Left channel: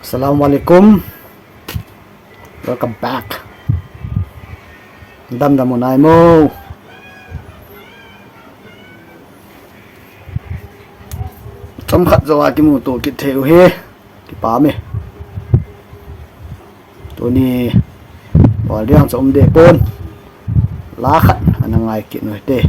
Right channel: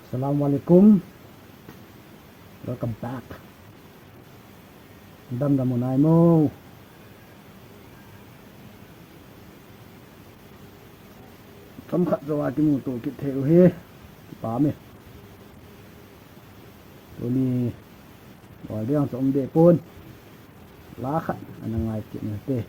Assalamualaikum. Welcome back. Dam mo na mo. Chom khat zo ki mu to ki theu he ki pa me. To ni wa liang chom de pon. La khat anangai ki noi te.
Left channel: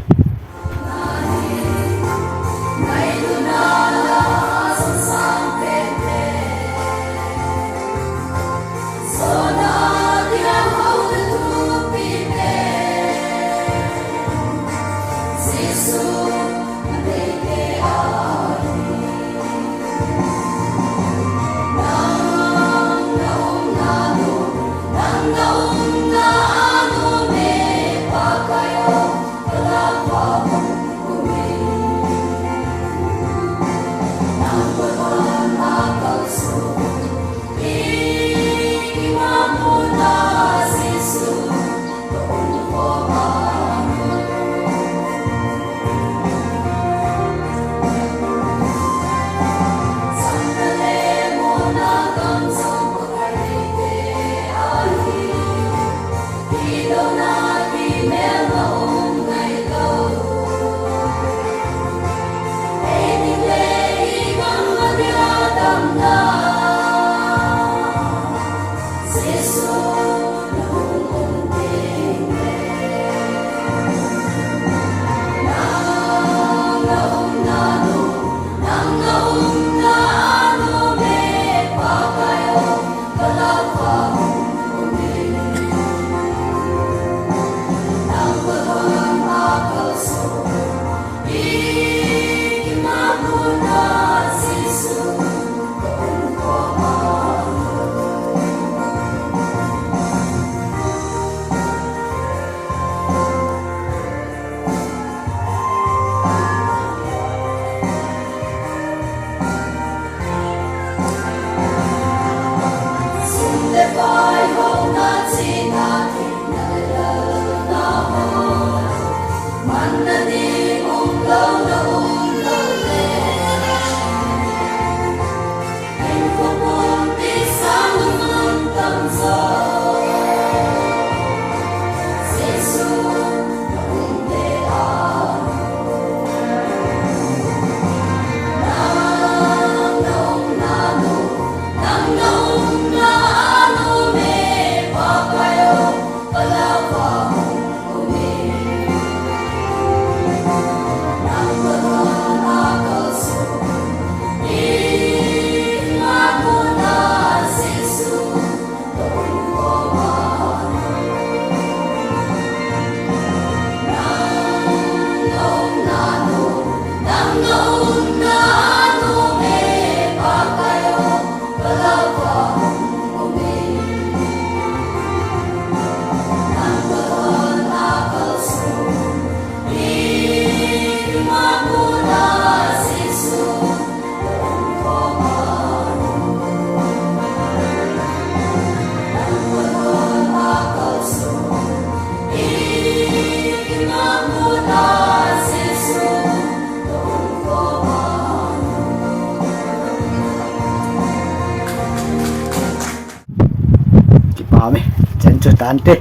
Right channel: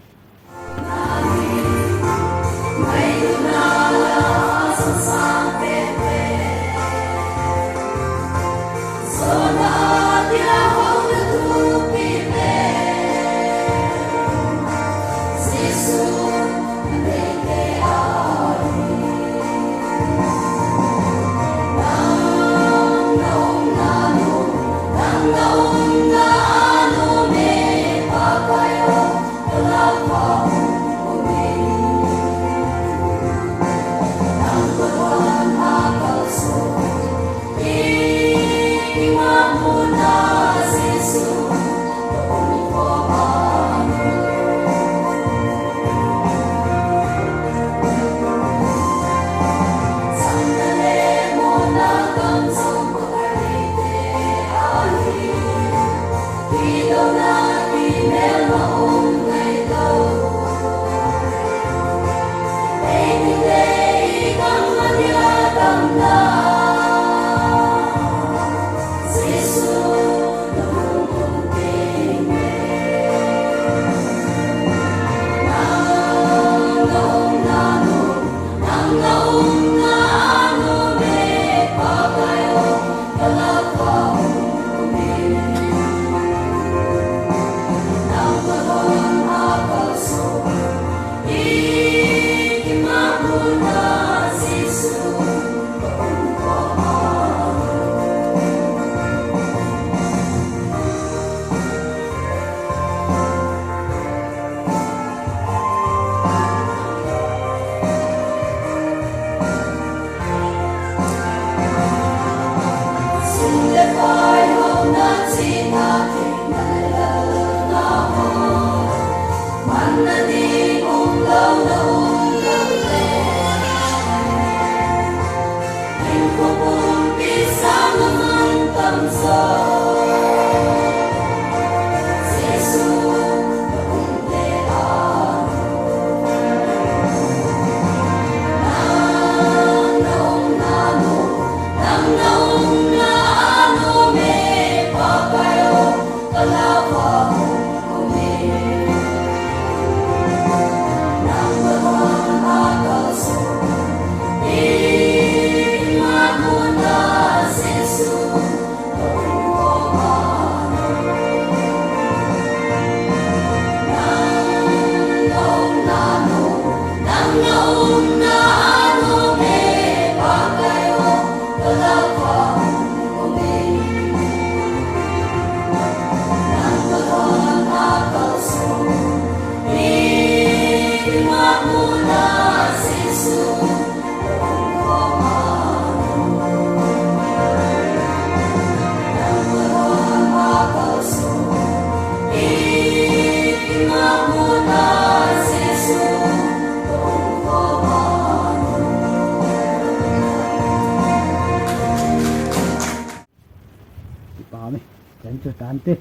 Tante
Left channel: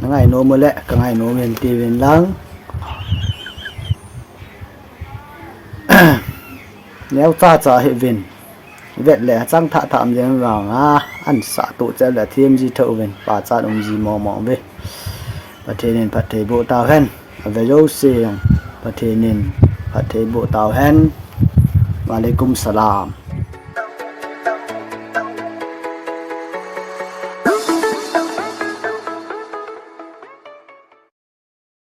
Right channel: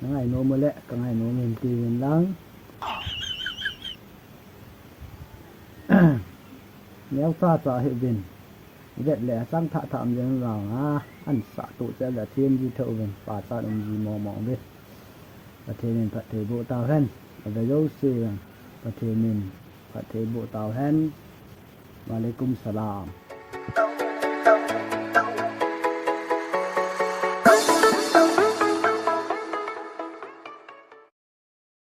nangai no mo le kangai no men ti wen lang neo cha cha he vin vet le chang tha tham jeng rang a an sa tu cha la thiam ji tho ven pa cha dong ji mo mo ve pa the nen pa the bo tao hen ve yo se pa the nen pa the bo tao hen wa alaikum salam.